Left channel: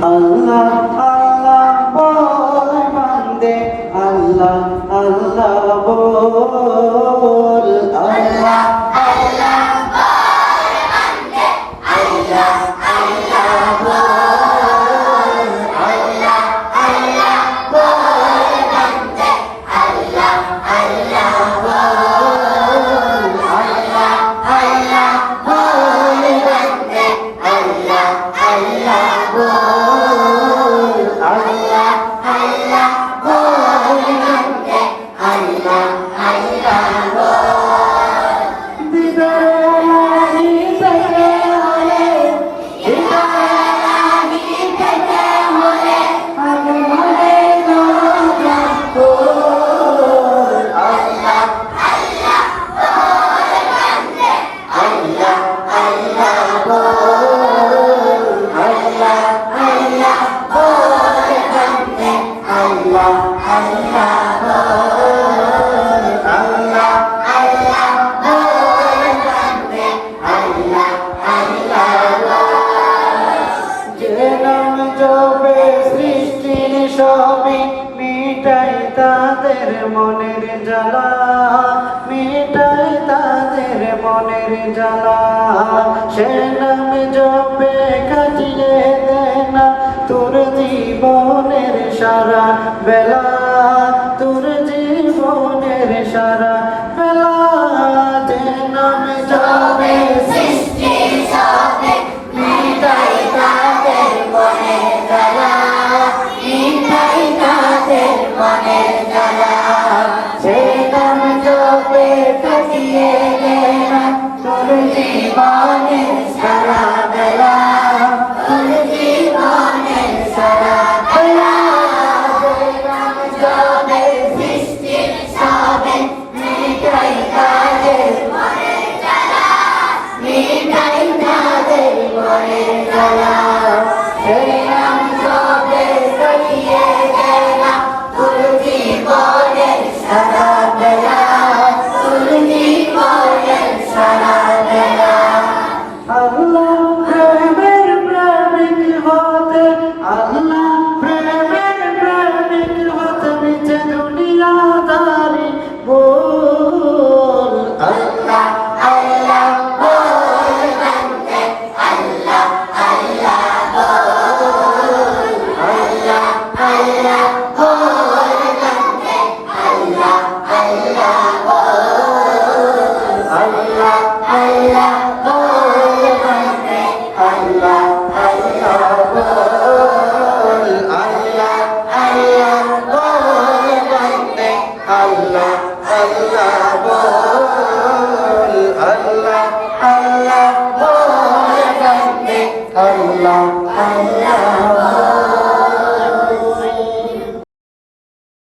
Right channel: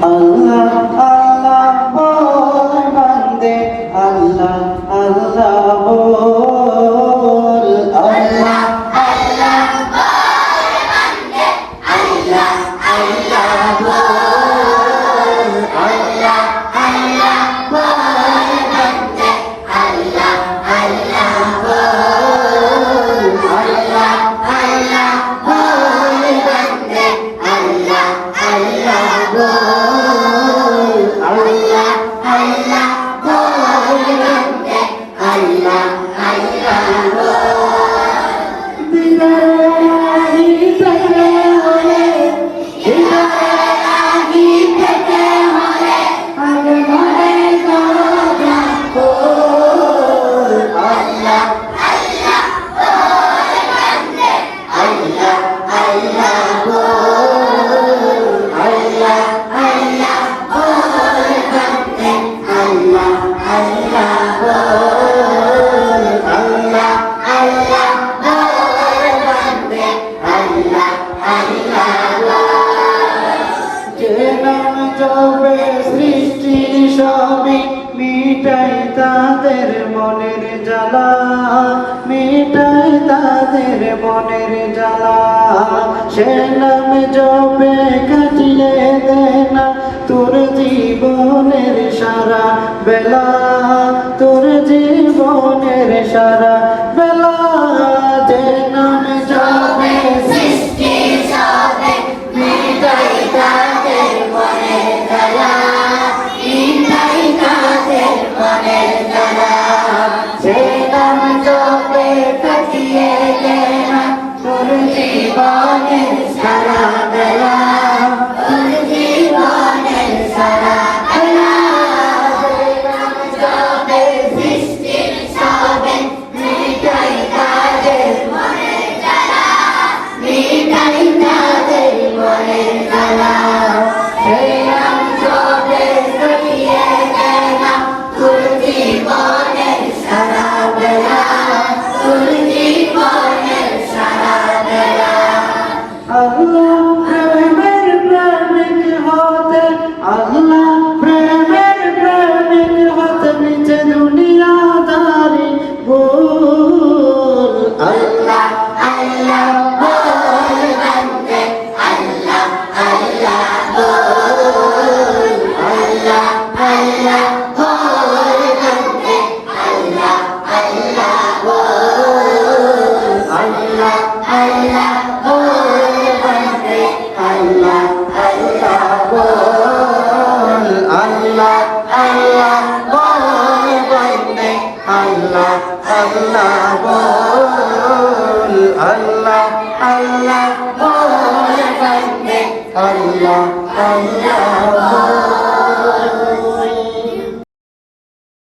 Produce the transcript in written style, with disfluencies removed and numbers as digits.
আল্লাহ আল্লাহ বল বান্দে আল্লাহ আল্লাহ বল আল্লাহ আল্লাহ বল বান্দে আল্লাহ আল্লাহ বল আল্লাহ আল্লাহ বল বান্দে আল্লাহ আল্লাহ বল আল্লাহ আল্লাহ বল বান্দে আল্লাহ আল্লাহ বল আল্লাহ আল্লাহ বল বান্দে আল্লাহ আল্লাহ বল দিদারি পেতে হলে দিদারি পেতে হলে আল্লাহরে দরবার কর আল্লাহ আল্লাহ বল বান্দে আল্লাহ আল্লাহ বল আল্লাহ আল্লাহ বল বান্দে আল্লাহ আল্লাহ বল আল্লাহ আল্লাহ বল বান্দে আল্লাহ আল্লাহ বল যে নাম জপে সৃষ্টি সবই মিটাই তাদের মনের জ্বালা মিটাই তাদের মনের জ্বালা সে নাম জপে কাটিয়ে দেনা তোর জীবনের সারা বেলা তোর জীবনের সারা বেলা যে নাম জপে সৃষ্টি সবে মিটাই তাদের মনের জ্বালা মিটাই তাদের মনের জ্বালা সে নাম জপে কাটিয়ে দেনা তোর জীবনের সারা বেলা তোর জীবনের সারা বেলা সে নাম জপে সৃষ্টি সবে মিটাই তাদের মনের জ্বালা মিটাই তাদের মনের জ্বালা সে নাম জপে কাটিয়ে দেনা তোর জীবনের সারা বেলা তোর জীবনের সারা বেলা আল্লাহ প্রেমের প্রেমিক হতে আল্লাহ প্রেমের প্রেমিক হতে নিচে দুনিয়াদারি বল আল্লাহ আল্লাহ বল বান্দে আল্লাহ আল্লাহ বল আল্লাহ আল্লাহ বল বান্দে আল্লাহ আল্লাহ বল আল্লাহ আল্লাহ বল বান্দে আল্লাহ আল্লাহ বল আল্লাহ আল্লাহ বল বান্দে আল্লাহ আল্লাহ বল আল্লাহ আল্লাহ বল বান্দে আল্লাহ আল্লাহ বল